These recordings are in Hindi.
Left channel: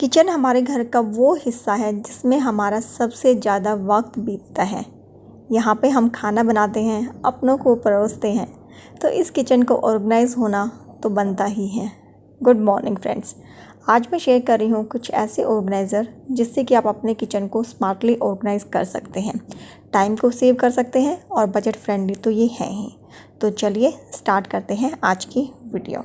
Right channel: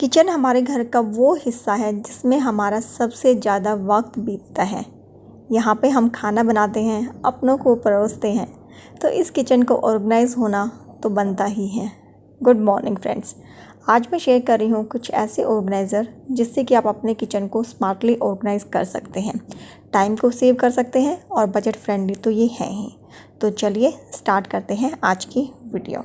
किचन हमारे घर का वो हिस्सा है जिसमें हमारा सबसे ज़्यादा वक्त बीतता है। यहाँ पे हम खाना बनाते हैं, अपनों को परोसते हैं, तो इस किचन को ऑर्गेनाइज़ होना तो बनता ही है। गुड मॉर्निंग फ्रेंड्स, आज मैं शेयर कर रही हूँ कुछ ऐसे ऑर्गेनाइज़र जिससे कि आप अपने किचन को स्मार्टली ऑर्गेनाइज़ कर सकते हैं, टाइम को सेव कर सकते हैं और बजट फ्रेंडली तो ये हैं ही। तो चलिए स्टार्ट करते हैं आज की वीडियो।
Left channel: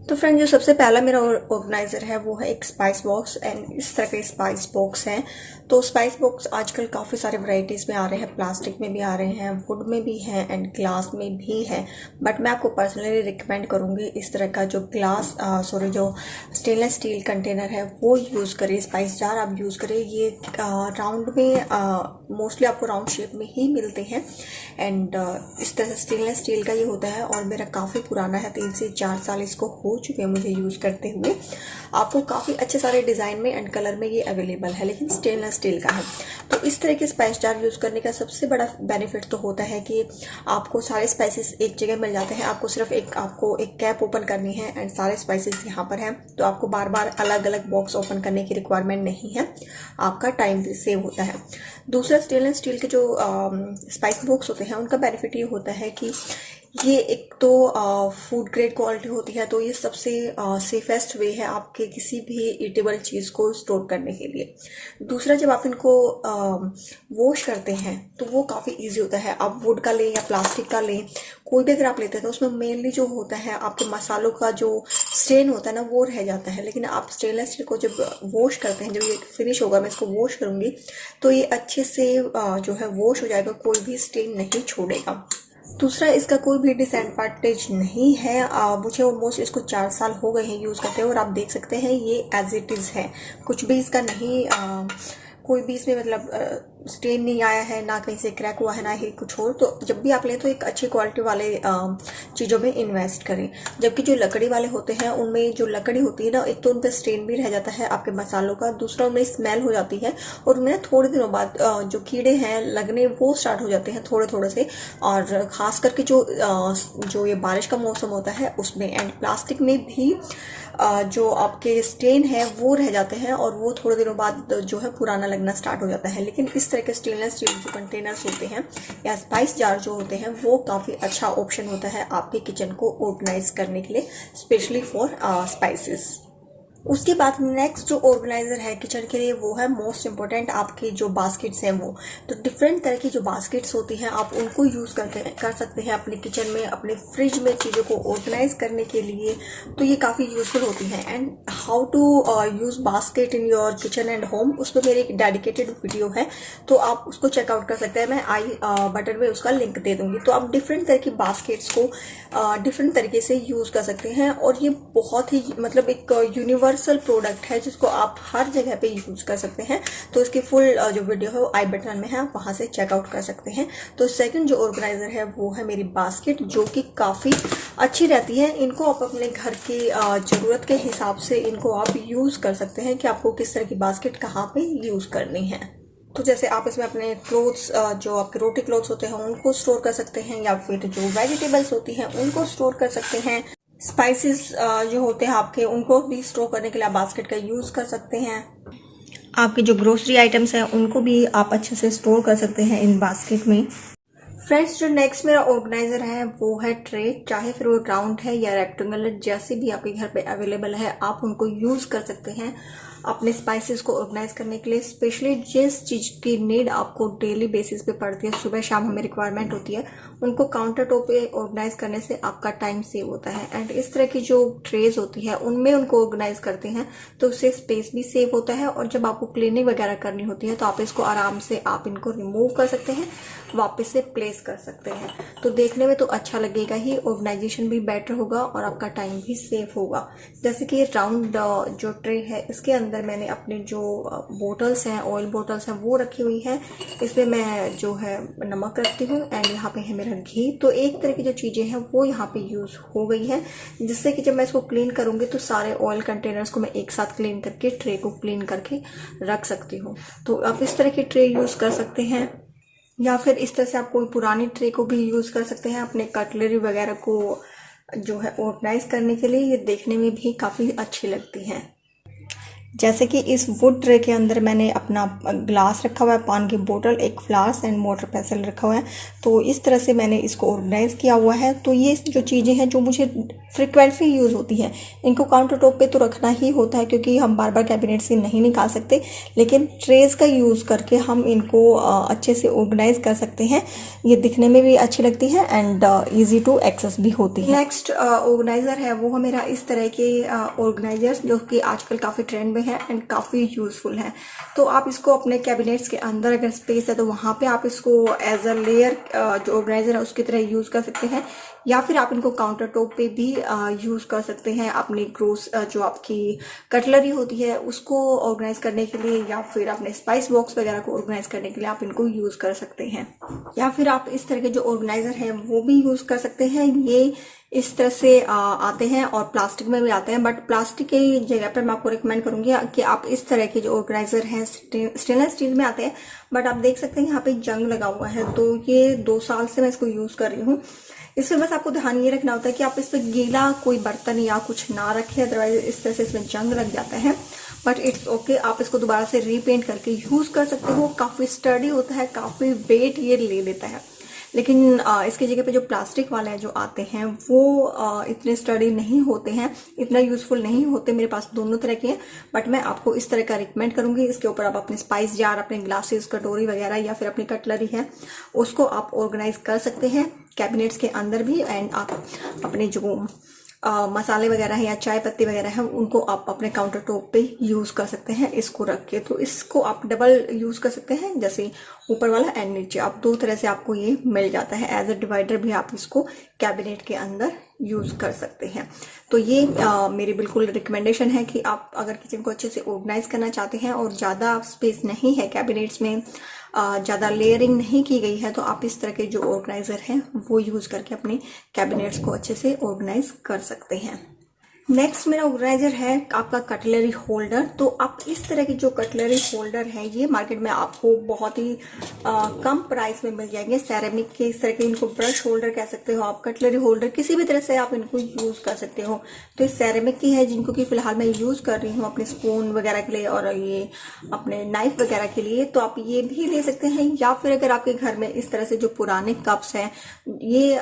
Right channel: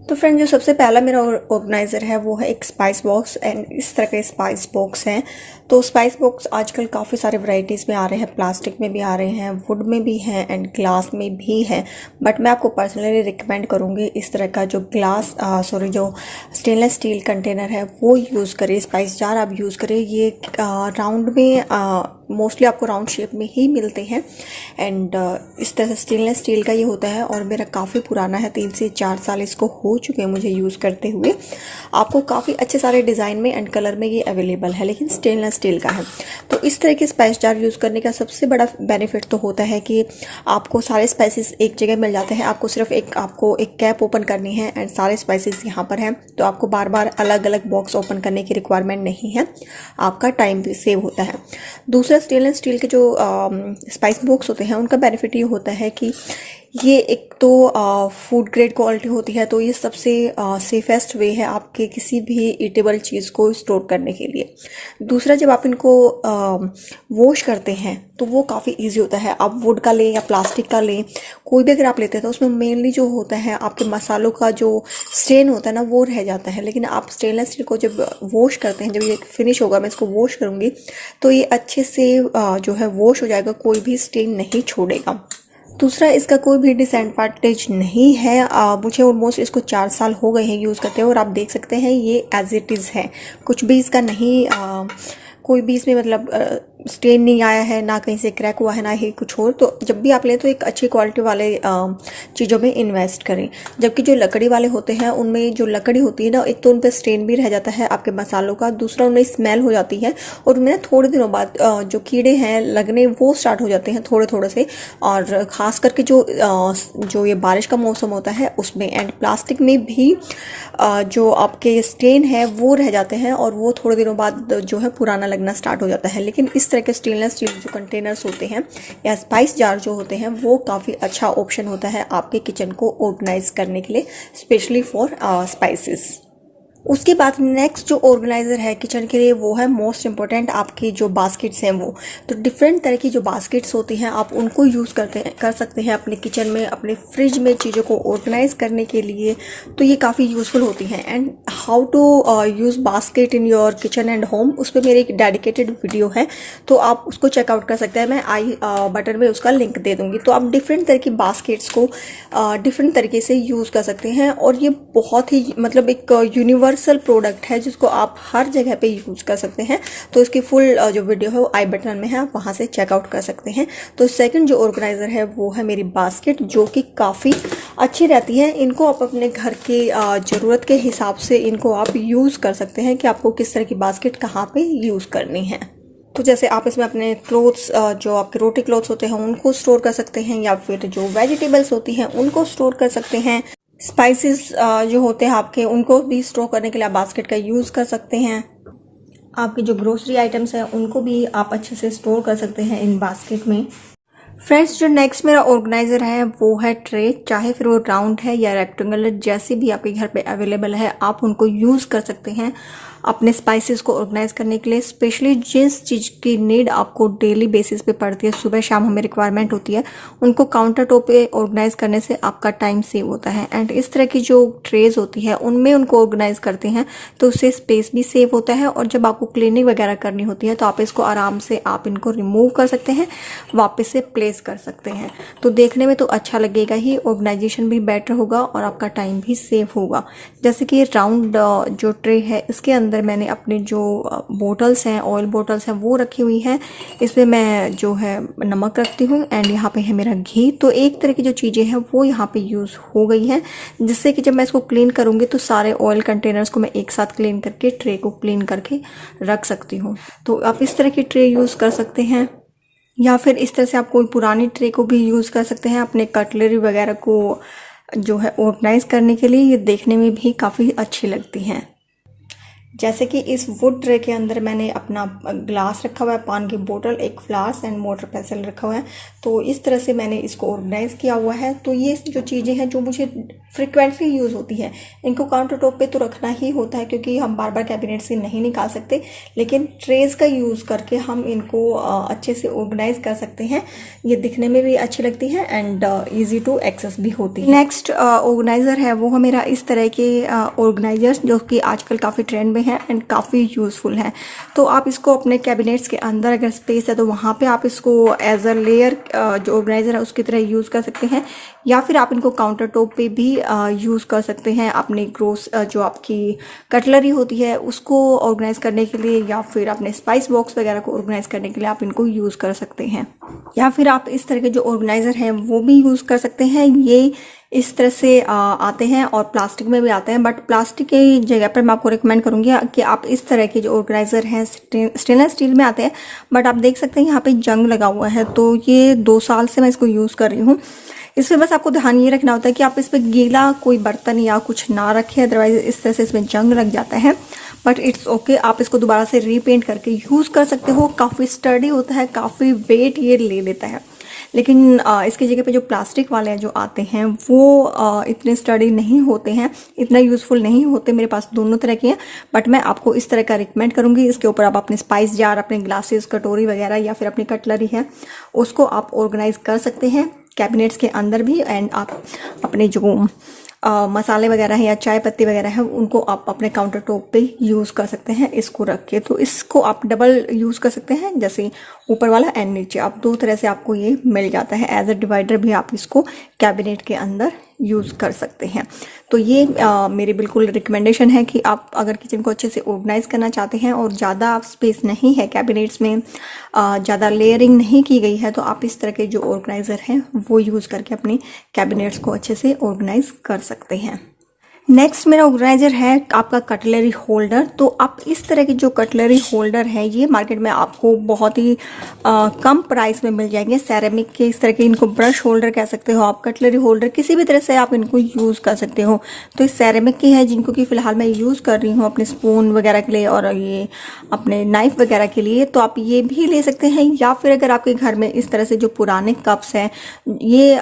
तो फ्रेंड, जो सबसे पहला मेरा ऑर्गेनाइज़र है वो है एक स्पाइस बॉक्स। एंड इस तरह के स्पाइस बॉक्स हैं। तो स्पाइस बॉक्स आजकल काफ़ी सारे वैरायटीज़ में आ रहे हैं, प्लास्टिक में भी आ रहे हैं, वुड में भी हैं एंड ग्लास में भी हैं। बट मैं आपको पर्सनली रिकमेंड करूँगी इस तरह का जो जो स्टेनलेस स्टील कंटेनर है वो यूज़ करें। स्पाइस जार आप यूज़ करें। ये राउंड में मोस्टली आपको राउंड शेप में ही मिलते हैं। एंड इस तरह से स्टेनलेस स्टील का ये होता है और मेरा काफ़ी पुराना है, 3 से 4 साल इसको हो चुके हैं मुझे यूज़ करते हुए। आपको काफ़ी अच्छे सारे डिज़ाइन में एंड कलर में ये अवेलेबल है, लेकिन स्टेनलेस स्टील का है। तो इस तरह के स्पाइस जार यूज़ करने का सबसे बड़ा बेनिफिट तो होता है कि आपको सारे स्पाइसेस एक जगह मिल जाते हैं। आपको सिर्फ आपको एक कैप ओपन करनी है एंड सारे स्पाइसेस यहाँ पर हैं। तो आपको बार बार अलग अलग बॉक्स ओपन करने की रिक्वायरमेंट नहीं है, आपका टाइम भी सेव होता है। दूसरा, स्टेनलेस स्टील के जो स्पाइस बॉक्स होते हैं उनका बेनिफिट ये होता है कि ये एक तो फूड ग्रेड क्वालिटी होती है, तो ये सबसे सेफेस्ट वे है आपके किसी भी ईटेबल चीज़ को स्टोर करने के लिए। दूसरा, जब आप इनको वॉश करते हैं तो वो काफ़ी इजी होता है। आप वुड का लें या प्लास्टिक का लें, कोई भी अगर आप लेते हैं तो उसमें मेनली जो होता है आपके मसालों का जो स्टेन होता है ना वो रह जाता है। लेकिन आप स्टेनलेस स्टील को जब वॉश करते हैं, जब ये फिनिश होगा, मैं इसको वॉश करूँगी तो ये अच्छे से जो है वॉश हो जाएगा, कोई भी स्टेन नहीं छोड़ेगा। दूसरा, इसका कोई भी डिसएडवांटेज नहीं है। मुझे ऑलमोस्ट इसको 4 साल हो गए हैं यूज़ करते हैं और आप देख सकते हैं ये एज इट इज़ है। कुछ भी इसका नहीं कोई भी इसमें मतलब स्टेन नहीं आया है, ना कहीं से क्रैक हुआ है, ना ही कुछ और। तो जब भी आप लें तो एक अच्छी क्वालिटी वाले चीज़ों में इन्वेस्ट करें। जबकि जो लकड़ी वाले होते हैं उनमें जो लकड़ी होती है ना, एक तो उन पर स्टेन भी रह जाता है आपके मसालों का, दूसरा उनमें स्मेल हो जाती है और उनमें थोड़े दिनों बाद जो कीड़े हैं लगने वो स्टार्ट हो जाते हैं थोड़े थोड़े से। और ख़ास करके जो ये बारिश का मौसम होता है उसमें। एंड प्लास्टिक में भी जो आपके स्टेन है वो रह जाते हैं और वो थोड़े दिनों बाद जो है पुराना लगना स्टार्ट हो जाता है। लेकिन इस तरह के स्टेनलेस स्टील जो कंटेनर्स होते हैं या स्पाइस जार जो होते हैं वो काफ़ी अच्छा ऑप्शन होता है आपके किचन को ऑर्गेनाइज करने के लिए, स्पेशली फॉर स्पाइसेस। उसके बाद नेक्स्ट जो ऑर्गेनाइज़र है किचन के लिए वो है मोस्ट इम्पोर्टेंट, आपके जो बास्केट्स हैं वो। तो डिफरेंट तरह की जो बास्केट्स होती हैं आप उनको यूज़ कर सकते हैं अपने किचन में, अपने फ्रिज में चीज़ों को ऑर्गेनाइज करने के लिए। तो ये काफ़ी यूज़फुल होती हैं। And how to use basket in your kitchen and home, उस पर मेरी एक डेडिकेटेड वीडियो है, तो आप उसको चेकआउट कर सकते हैं। मैं आई बटन में उसका लिंक दे दूँगी। तो आप डिफरेंट तरह की बास्केट्स को डिफरेंट तरीके से यूज़ कर सकते हैं और ये बहुत ही मतलब एक यूनिवर्सल प्रोडक्ट है जिसको आप हर जगह पे यूज कर सकते हैं। तो इसकी फुल जो वीडियो है वो आई बटन में है, आप वहां से चेकआउट कर सकते हैं। तो सेकंड जो ऑर्गेनाइजर है वो है मेरी बास्केट, जो कि काफ़ी अच्छी रहती है। इनको आप अपने घर की ज़रूरत के हिसाब से इनको आप यूज़ कर सकते हैं कि आपको किस तरह की बास्केट कहाँ पे यूज़ करनी है। तो जैसे आप इसमें अपने क्लोथ्स, जो आपके रोटी क्लोथ्स होते हैं उनको स्टोर कर सकते हैं, या फिर जो वेजिटेबल्स होती हैं उनको स्टोर कर सकते हैं। स्पाइसेस जो होते हैं आपके उनको भी स्टोर करने के लिए आप बास्केट का यूज़ कर सकते हैं। आपके जो ग्रोसरी आइटम्स हैं उनको भी आप अच्छे से स्टोर कर सकते हैं इन बास्केट में। फ्रेंड्स, जो नेक्स्ट मेरा ऑर्गेनाइजर है वो है ट्रे। चाहे फिर वो राउंड है या रेक्टेंगुलर, जैसे भी आपके घर पे अवेलेबल है आप उनको यूज़ कर सकते हैं अपने स्पाइसेस को ऑर्गेनाइज करने के लिए। स्पेशली जिस चीज़ की नीड आपको डेली बेसिस पे पड़ती है, सुबह शाम हमें रिक्वायरमेंट होती है, उनको काउंटर टॉप पे ऑर्गेनाइज करने से आपका टाइम सेव होता है। एंड इस तरह की जो ट्रेज होती है उनमें उनको ऑर्गेनाइज करते हैं तो उससे स्पेस भी सेव होता है। और जब आपको क्लीनिंग वगैरह करनी होती है तो आप इसको आराम से आप इनको रिमूव कर सकते हैं, वापस से प्लेस कर सकते हैं। तो देखने में तो अच्छा लगेगा ही, ऑर्गेनाइजेशन भी बेटर होगा और आपका टाइम भी सेव होगा। जैसे कि राउंड जो ट्रे है इसके अंदर मैंने अपने जो बोटल्स हैं, ऑयल बोटल्स हैं वो रखी हुई हैं। इसमें मैं जो है नमक रखती हूँ एंड यहाँ पे है मेरा घी। तो एक तरह की जो चीज़ें हैं वो यहाँ पे यूज़ हो गई हैं, जिससे कि जब मैं इसको क्लीन करूँगी तो सारे ऑयल कंटेनर्स को मैं एक साथ क्लीन करके ट्रे को क्लीन करके रख सकती हूँ। तो आप इस तरह की ट्रे यूज़ कर सकते हैं, या फिर इस तरह से आप कोई पुरानी ट्रे को भी यूज़ कर सकते हैं अपने कटलरी वगैरह को जो है ऑर्गेनाइज करने के लिए ये देखने में भी काफ़ी अच्छी लगती हैं। जैसे कि इस वुड ट्रे के अंदर मैंने अपना ग्लास रखा हुआ है, पानी की बोतल, एक फ्लास एंड वाटर पेंसिल रखा हुआ है। तो इस तरह से मैंने इसको ऑर्गेनाइज किया हुआ है। तो ये जो चीज़ें हैं जो मुझे फ्रिक्वेंटली यूज़ होती हैं, इनको काउंटर टॉप पे तो रखना ही होता है क्योंकि हम बार बार कैबिनेट से नहीं निकाल सकते, लेकिन ट्रेज का यूज़ करके हम इनको अच्छे से ऑर्गेनाइज कर सकते हैं। ये दिखने में भी अच्छी लगती है एंड ईजी टू एक्सेस भी होती है। नेक्स्ट ऑर्गेनाइजर है वो है मेरा इस तरह के ऑर्गेनाइजर्स जो कि आजकल काफ़ी ट्रेंड में है एंड काफ़ी यूज़फुल है। तो आप इसको अपने कैबिनेट्स के अंदर अगर स्पेस है तो वहाँ पे आप इसको एज अ लेयर जो ऑर्गेनाइजर है उसकी तरह यूज़ कर सकते हैं, या फिर आप इनको काउंटर टॉप पे भी यूज़ कर सकते हैं अपनी ग्रोस जो आपकी कटलरी होती है उसको ऑर्गेनाइज करने के लिए, या फिर अपने स्पाइस बॉक्स वगैरह को ऑर्गेनाइज करने के लिए आप इनको यूज़ कर सकते हैं। या फिर आप इस तरह के जो ऑर्गेनाइजर हैं वो भी यूज़ कर सकते हैं। ये इस तरह से आते हैं और प्लास्टिक में भी आते हैं, बट प्लास्टिक की जगह पर मैं आपको रिकमेंड करूंगी कि आप इस तरह के जो ऑर्गेनाइजर हैं स्टेनलेस स्टील में आते हैं, बट आप देख सकते हैं यहाँ पे जंग लगा हुआ है। तो ये 2 साल से मैं इसको यूज़ कर रही हूँ। इसमें बस आपको ध्यान ये रखना होता है कि आप इस पर गीला कोई बर्तन या कुछ ना रखें, अदरवाइज इस तरह से इसमें जंग लग जाता है। बट इट्स ओके, आप इसको दोबारा से रीपेंट करके यूज़ कर सकते हो। काफ़ी स्टर्डी होता है, काफ़ी वेट ये ले लेता है, लेकिन इसकी जगह पे जो प्लास्टिक वाले जो आते हैं वो इतने स्टडी नहीं होते हैं, इतना यूज़फुल नहीं होते। मेरे पास दोनों तरह के हैं, बट मैं आपको इस तरह का रिकमेंड करूंगी। इसके ऊपर आप अपने स्पाइस जार, अपने ग्लासेस, कटोरी वगैरह या फिर अपनी कटलरी है उसको आप ऑर्गेनाइज कर सकते हैं कैबिनेट्स के अंदर भी, एंड आप अपने जो मसाले वगैरह हैं या चाय पत्ती वगैरह है उनको आप अपने काउंटर टॉप पे यूज़ कर सकते हैं इसको रख के। तो इसको आप डबल यूज़ कर सकते हैं, जैसे ऊपर वाला एंड नीचे, आप 2 तरह से आपको ये मिल जाता है। एज अ डिवाइडर भी आप इसको कैबिनेट के अंदर यूज़ कर सकते हैं। तो ये मेरी बिल्कुल रिकमेंडेशन है कि आप अगर किचन को अच्छे से ऑर्गेनाइज करना चाहते हैं और ज़्यादा स्पेस नहीं है कैबिनेट्स में, ज़्यादा लेयरिंग नहीं की गई है, तो आप इस तरह के जो ऑर्गेनाइजर हैं वो यूज़ करके अपने कैबिनेट्स को अच्छे से ऑर्गेनाइज कर सकते हैं। नेक्स्ट मेरा ऑर्गेनाइजर है आपका कटलरी होल्डर। तो आप इस तरह की जो कटलरी होल्डर है ये मार्केट में आपको बहुत ही कम प्राइस में मिल जाएंगे। सेरेमिक के इस तरह के, इनको ब्रश होल्डर कह सकते हो आप, कटलरी होल्डर किसी भी तरह से आप इनको यूज़ कर सकते हो। तो इस सेरेमिक की है जिनको कि फ़िलहाल मैं यूज़ कर रही हूँ अपने स्पून वगैरह के लिए और ये अपने नाइफ वगैरह के लिए। तो आप ये भी ले सकते हैं, या फिर अगर आपके घर में इस तरह से जो पुराने कप्स हैं, ये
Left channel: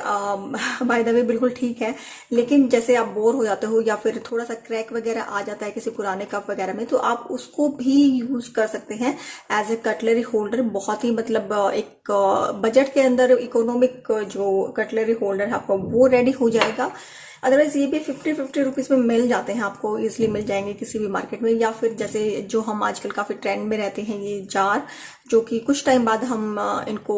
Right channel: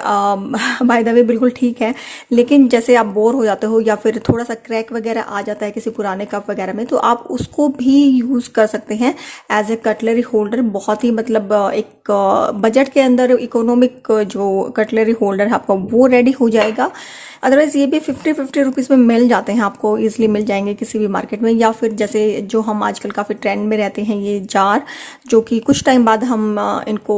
बाय द वे बिल्कुल ठीक है, लेकिन जैसे आप बोर हो जाते हो या फिर थोड़ा सा क्रैक वगैरह आ जाता है किसी पुराने कप वगैरह में, तो आप उसको भी यूज़ कर सकते हैं एज ए कटलरी होल्डर। बहुत ही मतलब एक बजट के अंदर इकोनॉमिक जो कटलरी होल्डर है आपका वो रेडी हो जाएगा। अदरवाइज ये भी 50 रुपीज़ में मिल जाते हैं, आपको इजीली मिल जाएंगे किसी भी मार्केट में। या फिर जैसे जो हम आजकल काफ़ी ट्रेंड में रहते हैं ये जार, जो कि कुछ टाइम बाद हम इनको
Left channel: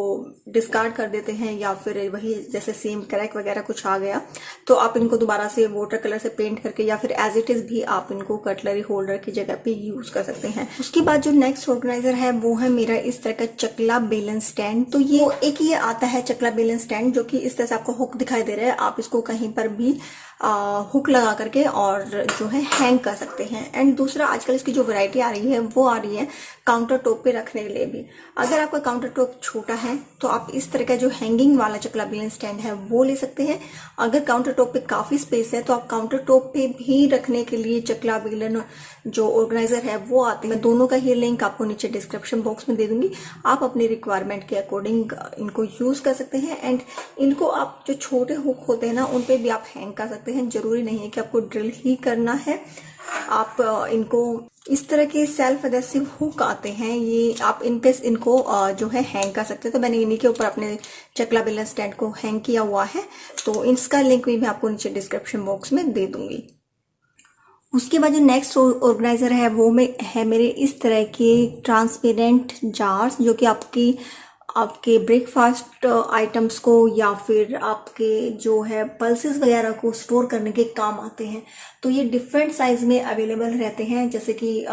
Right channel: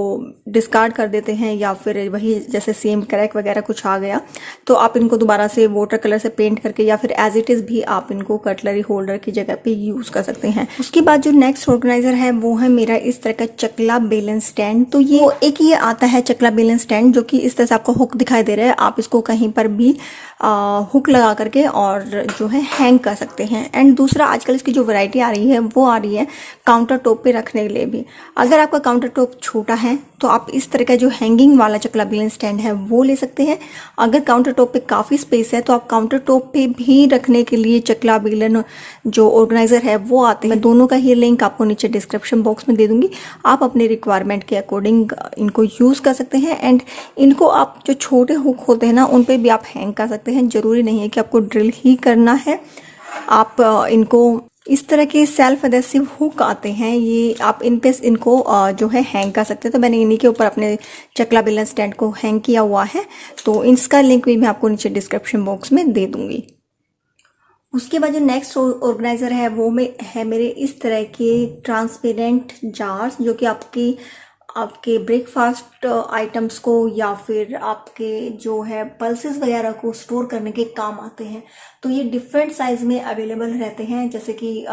डिस्कार्ड कर देते हैं, या फिर वही जैसे सेम क्रैक वगैरह कुछ आ गया तो आप इनको दोबारा से वाटर कलर से पेंट करके या फिर एज इट इज़ भी आप इनको कटलरी होल्डर की जगह पे यूज़ कर सकते हैं। उसके बाद जो नेक्स्ट ऑर्गेनाइजर है वो है मेरा इस तरह का चकला बेलन स्टैंड। तो ये एक ये आता है चकला बेलन स्टैंड जो कि इस तरह से आपको हुक दिखाई दे रहा है, आप इसको कहीं पर भी हुक लगा करके और जो है हैंग कर सकते हैं। एंड दूसरा आजकल इसकी जो वैरायटी आ रही है वो आ रही है काउंटर टॉप पे रखने के लिए भी। अगर आपका काउंटर टॉप छोटा है तो आप इस तरह का जो हैंगिंग वाला चकला बेलन स्टैंड है वो ले सकते हैं। अगर काउंटर टॉप पे काफ़ी स्पेस है तो आप काउंटर टॉप पे भी रखने के लिए चकला बेलन जो ऑर्गेनाइजर है वो आते हैं। मैं दोनों का ही लिंक आपको नीचे डिस्क्रिप्शन बॉक्स में दे दूंगी, आप अपने रिक्वायरमेंट के अकॉर्डिंग इनको यूज़ कर सकते हैं। एंड इनको आप जो छोटे हुक होते हैं ना उन पर भी आप हैंग कर सकते हैं, जरूरी नहीं है कि आपको ड्रिल ही करना है। आप इनको इस तरह के सेल्फ एडेसिव हुक आते हैं, ये आप इन पे इनको जो है हैंग कर सकते हैं। तो मैंने इन्हीं के ऊपर अपने चकला बेलन स्टैंड को हैंग किया हुआ है, तो इसका लिंक भी मैं आपको नीचे डिस्क्रिप्शन बॉक्स में दे दूंगी। उसके बाद जो नेक्स्ट ऑर्गेनाइजर है वो है मेरे इस तरह के ट्रांसपेरेंट जार्स, जो कि आपके ब्रेकफास्ट आइटम्स को या फिर आपके जो है पल्सेस वगैरह को स्टोर करने के काम आते हैं। तो ये डिफरेंट साइज में अवेलेबल रहते हैं, जैसे कि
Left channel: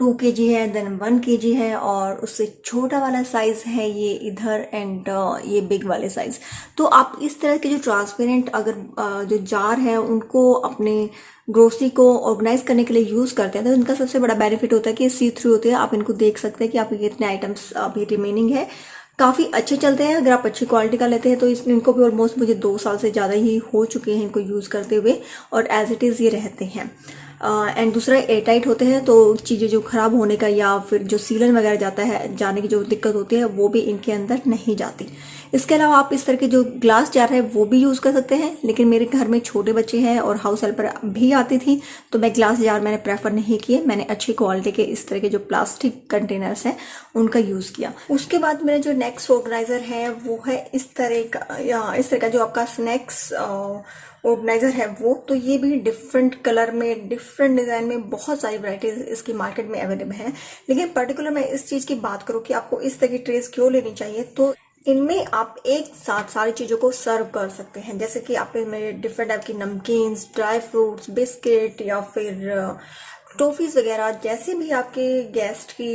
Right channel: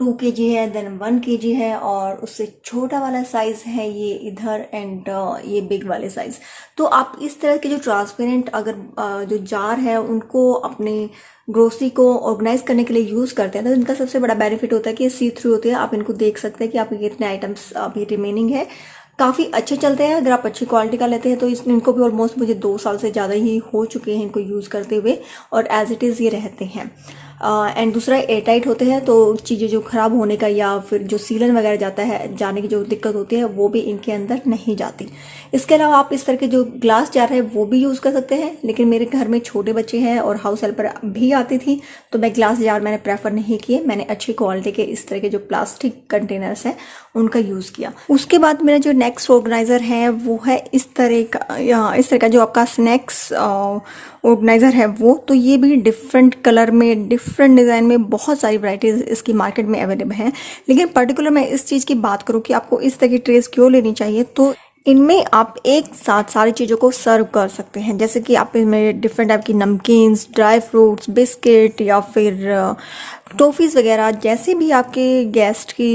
2 kg है, देन 1 kg है, और उससे छोटा वाला साइज है ये इधर, एंड ये बिग वाले साइज। तो आप इस तरह के जो ट्रांसपेरेंट अगर जो जार है उनको अपने ग्रोसरी को ऑर्गेनाइज करने के लिए यूज करते हैं तो इनका सबसे बड़ा बेनिफिट होता है कि सी थ्रू होते हैं, आप इनको देख सकते हैं कि आपके कितने आइटम्स अभी रिमेनिंग है। काफ़ी अच्छे चलते हैं। अगर आप अच्छी क्वालिटी का लेते हैं तो इनको भी ऑलमोस्ट मुझे 2 साल से ज़्यादा ही हो चुके हैं इनको यूज़ करते हुए, और एज इट इज़ ये रहते हैं। एंड दूसरा, एयर टाइट होते हैं, तो चीज़ें जो ख़राब होने का या फिर जो सीलन वगैरह जाता है, जाने की जो दिक्कत होती है वो भी इनके अंदर नहीं जाती। इसके अलावा आप इस तरह के जो ग्लास जार है वो भी यूज़ कर सकते हैं, लेकिन मेरे घर में छोटे बच्चे हैं और हाउस हेल्पर भी आती थी, तो मैं ग्लास जार मैंने प्रेफर नहीं किए। मैंने अच्छी क्वालिटी के इस तरह के जो प्लास्टिक कंटेनर्स हैं उनका यूज़ किया। उसके बाद मेरा जो नेक्स्ट ऑर्गेनाइज़र है वो है इस तरह का जो आपका स्नैक्स ऑर्गेनाइज़र है वो। तो ये भी डिफरेंट कलर में, डिफरेंट डिज़ाइन में बहुत सारी वैराइटीज़ इसकी मार्केट में अवेलेबल हैं। लेकिन पर्टिकुलर मैं इस चीज़ की बात करूँ कि आपको इस तरह की ट्रेस क्यों लेनी चाहिए, तो इनमें आप एक साथ सारी चीज़ों को सर्व कर सकते हैं। जैसे कि आप इनमें डिफरेंट टाइप की नमकीन्स, ड्राई फ्रूट्स, बिस्किट या फिर टॉफ़ीज़ वगैरह, जैसे भी आपके गेस्ट की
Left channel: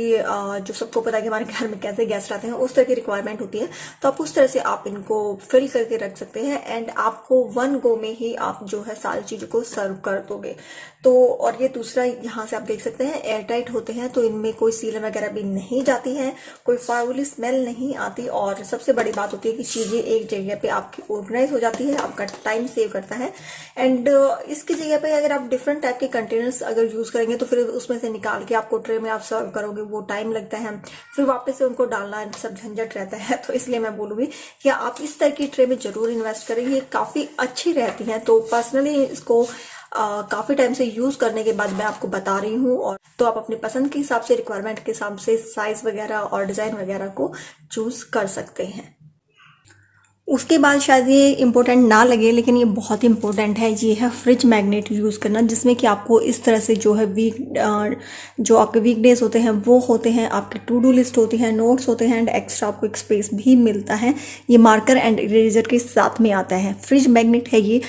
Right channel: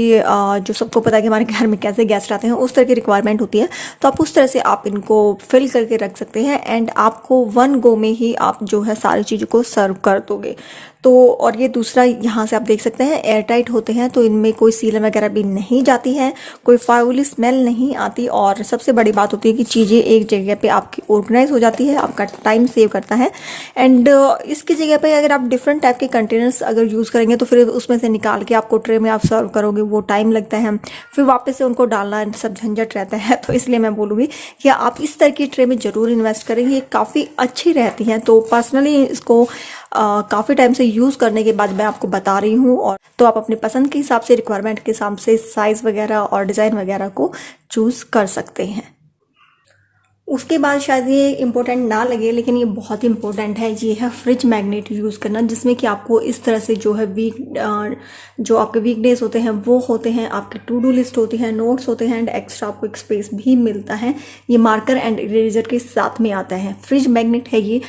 जो सबको पता है कि हमारे घर में कैसे गेस्ट आते हैं उस तरह की रिक्वायरमेंट होती है, तो आप उस तरह से आप इनको फिल करके रख सकते हैं एंड आपको वन गो में ही आप जो है सारी चीज़ों को सर्व कर दोगे। तो और ये दूसरा, यहाँ से आप देख सकते हैं एयर टाइट होते हैं, तो इनमें कोई सीलन वगैरह भी नहीं जाती है, कोई फाउली स्मेल नहीं आती, और सबसे बड़ी बात होती है कि चीज़ें एक जगह पे आपकी ऑर्गेनाइज हो जाती है, आपका टाइम सेव करता है। एंड इसकी जगह पे अगर आप डिफरेंट टाइप के कंटेनर्स अगर यूज़ करेंगे तो फिर उसमें से निकाल के आपको ट्रे में आप सर्व करोगे, वो टाइम लगता है, फिर वापस से उनको डालना सब झंझट रहता है। तो इसलिए मैं बोलूँगी कि आप इस तरह की ट्रे में ज़रूर इन्वेस्ट करें, ये काफ़ी अच्छी रहती हैं। तो पर्सनली इसको काफ़ी टाइम से यूज़ करने के बाद मैं आपको बता रही हूँ, और तो आप अपनी पसंद के हिसाब से, रिक्वायरमेंट के हिसाब से साइज़ वगैरह और डिज़ाइन वगैरह को चूज़ कर सकते हैं। उसके बाद शायद ये इम्पोर्टेंट ना लगे, लेकिन ये बहुत इम्पोर्टेंट है, ये है फ्रिज मैग्नेट यूज़ करना, जिसमें कि आपको इस तरह से जो है जो आपके वीक डेज होते हैं वो होते हैं, आपके टू डू लिस्ट होती है, नोट्स होते हैं, एंड एक्स्ट्रा आपको एक स्पेस भी मिलता है। ये मार्कर एंड इरेजर के साथ में आता है, फ्रिज मैग्नेट है ये।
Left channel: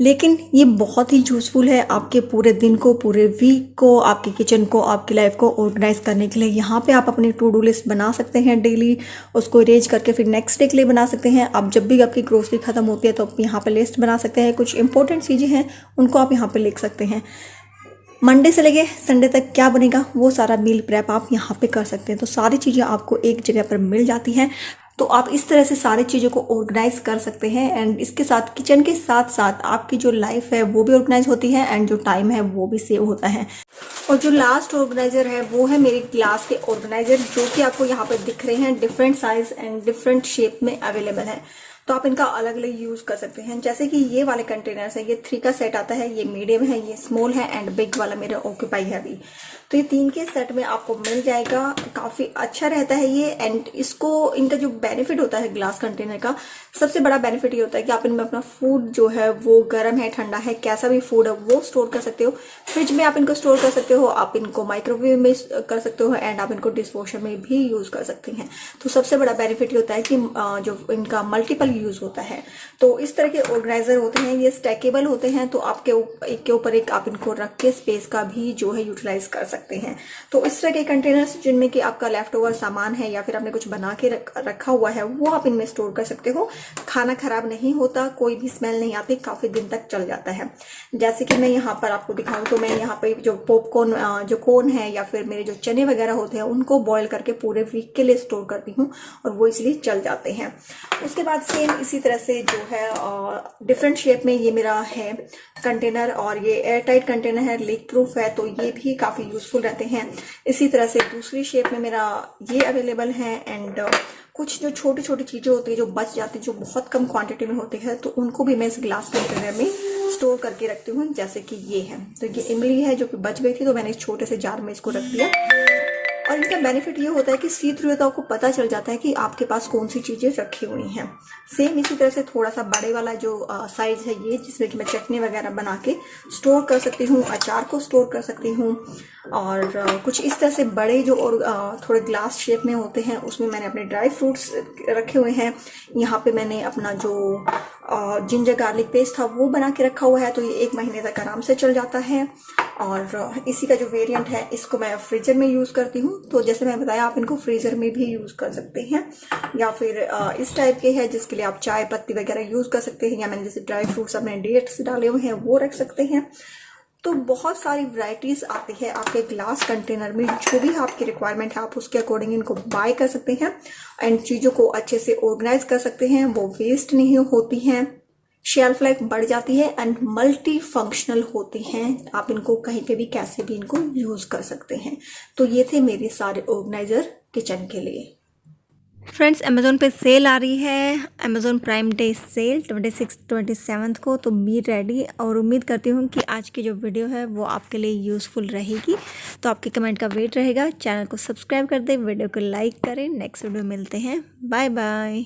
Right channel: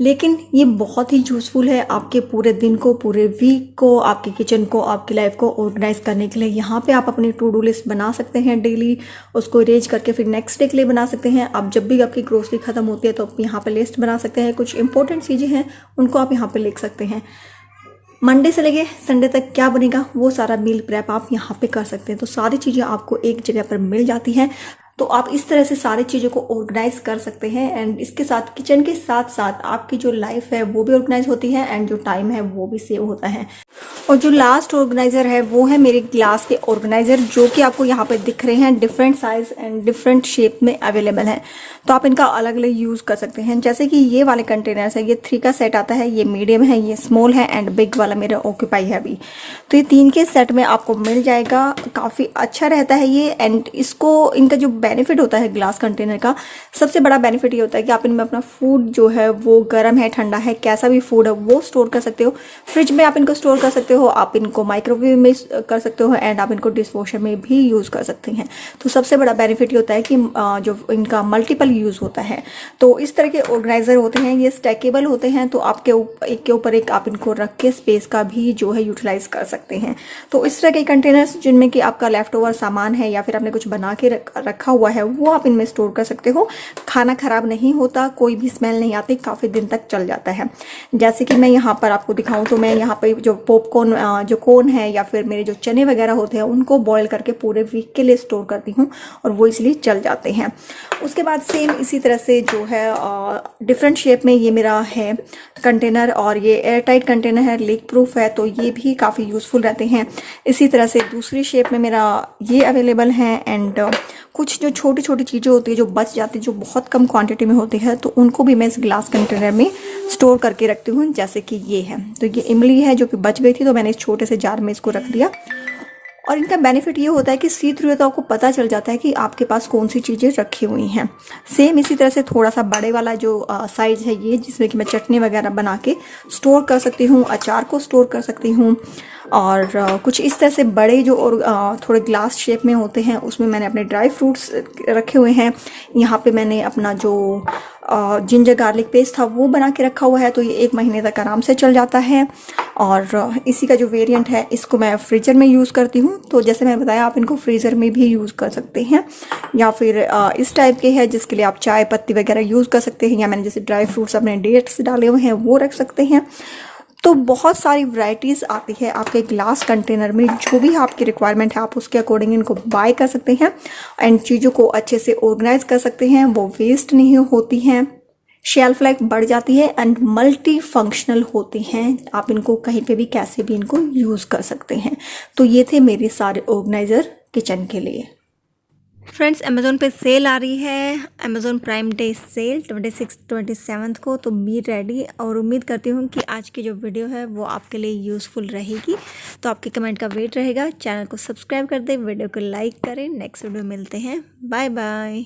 लेकिन ये बहुत ही यूज़फुल है आपके पूरे दिन को, पूरे वीक को, आपके किचन को, आपकी लाइफ को ऑर्गेनाइज करने के लिए। यहाँ पे आप अपनी टू डू लिस्ट बना सकते हैं डेली, उसको अरेंज करके फिर नेक्स्ट डे के लिए बना सकते हैं। आप जब भी आपकी ग्रोसरी खत्म होती है तो आप यहाँ पे लिस्ट बना सकते हैं, कुछ इंपॉर्टेंट चीज़ें हैं उनको आप यहाँ पे लिख सकते हैं। मंडे से लेके संडे तक क्या बनेगा वो सारा मील प्रेप आप यहाँ पे कर सकते हैं। तो सारी चीज़ें आपको एक जगह पर मिल जाती हैं, तो आप इस तरह से सारी चीज़ों को ऑर्गेनाइज कर सकते हैं। एंड इसके साथ किचन के साथ साथ आपकी जो लाइफ है वो भी ऑर्गेनाइज होती है एंड जो टाइम है वो भी सेव होता है। और जो लास्ट ऑर्गेनाइजर है वो है मेरे ग्लास के ऑर्गेनाइजर, जो कि आपको यहाँ पे दिख रहे हैं, different size and different shape में अवेलेबल है। तो आप इनका अलग अलग यूज़ कर सकते हैं। जैसे कि ये वाले कंटेनर्स है, ये 3 का सेट आता है, ये मीडियम है, ये स्मॉल है एंड बिग वाला मेरा ऑक्यूपाई है अभी। तो ये 3 के सेट में आपको मिल जाएगा, काफ़ी अच्छा रहता है ये। एंड इसको, इनका जो बेनिफिट होता है ग्लास कंटेनर का, सबसे बड़ा बेनिफिट ये होता है कि आप इनमें अपना फूड जो है वो गर्म है, ठंडा है, कैसा भी फूड है वो स्टोर कर सकते हो। फ्रिज में आप इनको स्टोर कर सकते हो, आप इनको माइक्रोवेव में कर सकते हो, एंड आप इनको डिश वॉशर में भी यूज़ कर सकते हैं। तो सबसे बड़ा बेनिफिट ये होता है कि जो इनका मल्टीपल यूज़ होता है। तो इस तरह के ऑर्गेनाइजर होते हैं, ये स्टैकेबल होते हैं, तो आपके एक के ऊपर एक आप इनको रख के स्पेस का भी जो है यूटिलाइज कर सकते हैं। तो इस तरह के कंटेनर्स जिनमें कि आपका लेफ्ट ओवर सामान है या फिर आपने कुछ बना के रखा हुआ है वो आप इनमें स्टोर कर सकते हो। खाना खराब नहीं होता, कोई भी स्मेल नहीं आती, काफ़ी दिन तक चल जाता है। जैसे कि मैं यहाँ पर आपको दिखाऊं तो मैं यहाँ पर जो पॉपकॉर्न जो कोन है या फिर मेरे जो चने वगैरह होते हैं उनको बॉईल करके पूरे वीक के लिए स्टोर करती हूँ और वो इसलिए चल जाते हैं। उसके बाद सेम इसी तरह से जो है डिफरेंट शेप में ये मेरा है कंटेनर, और ये एयर टाइट कंटेनर है, लीक प्रूफ है, तो ये भी काफ़ी यूज़फुल रहते हैं। इसी तरह से दूसरी शेप में मेरा ये अवेलेबल है। एंड कुछ जो छोटी छोटी चीज़ें होती है जो बच जाती है, जो बहुत कम क्वांटिटी में होती है, तो उनको भी मैं इस ग्लास कंटेनर में स्टोर करके रखती हूँ। जैसे कि ये है, तो ये इमली है जो कि बच गई थी, तो मैंने इस छोटे से जार में इसको रख दिया। और इनका बेनिफिट ये होता है कि सी थ्रू तो आपको पता चल जाता है कि आपके पास कौन सी चीज़ें रखी हुई हैं। सेम इसी तरह से थोड़ा सा बड़े वाला जो साइज है ये, जिसमें कि मैं चटनी वगैरह बना के स्टोर कर सकती हूँ, अचार को स्टोर कर सकती हूँ। और कुछ इस तरह से बड़े जो और थोड़े ग्लास शेप में होते हैं, उसमें मैंने अपने ड्राई फ्रूट्स रखे हुए हैं। यहाँ पे मैंने अपना जो जिंजर गार्लिक पेस्ट था वो बना के रखा हुआ है, तो ये 1 महीने तक आराम से चल जाता है। और इसी का जो वेरिएंट है इसको मैं फ्रीजर में यूज़ करती हूँ। तो जैसे मैं बताया, आप इनको फ्रीज़र में भी यूज़ कर सकते हैं, या फिर इस टाइप के हैं जिसके लिए आप चाय पत्ती वगैरह यूज़ कर सकते हैं, या मैंने जैसे ड्राई फ्रूट्स अपने डेट्स डाले हुए हैं वो रख सकते हैं। तो बहुत सारी वैरायटीज़ आती है आपके ग्लास कंटेनर में, जो भी आपकी रिक्वायरमेंट है आप उसके अकॉर्डिंग इनको बाय कर सकते हैं एंड चीज़ों को अच्छे से ऑर्गेनाइज कर सकते हैं, वो वेस्ट नहीं होती हैं, शेल्फ लाइफ बढ़ जाती है एंड मल्टी फंक्शनल होती हैं। आप इनको कहीं पे भी कैसे भी इनको यूज़ कर सकते हैं। तो ये थे मेरे सारे ऑर्गेनाइज़र किचन के लिए। फ्रेंड्स, अमेज़ोन पे सेल आ रही है, अमेज़ोन प्राइम डे सेल 26-27 को। तो बी रेडी, और उम्मीद करती हूँ कि आज की जो वीडियो है वो आपके लिए यूज़फुल रहेगी। तो आपके कमेंट का वेट रहेगा। चैनल को सब्सक्राइब कर दें, वीडियो को लाइक करें। नेक्स्ट वीडियो मिलते हैं। Bye bye.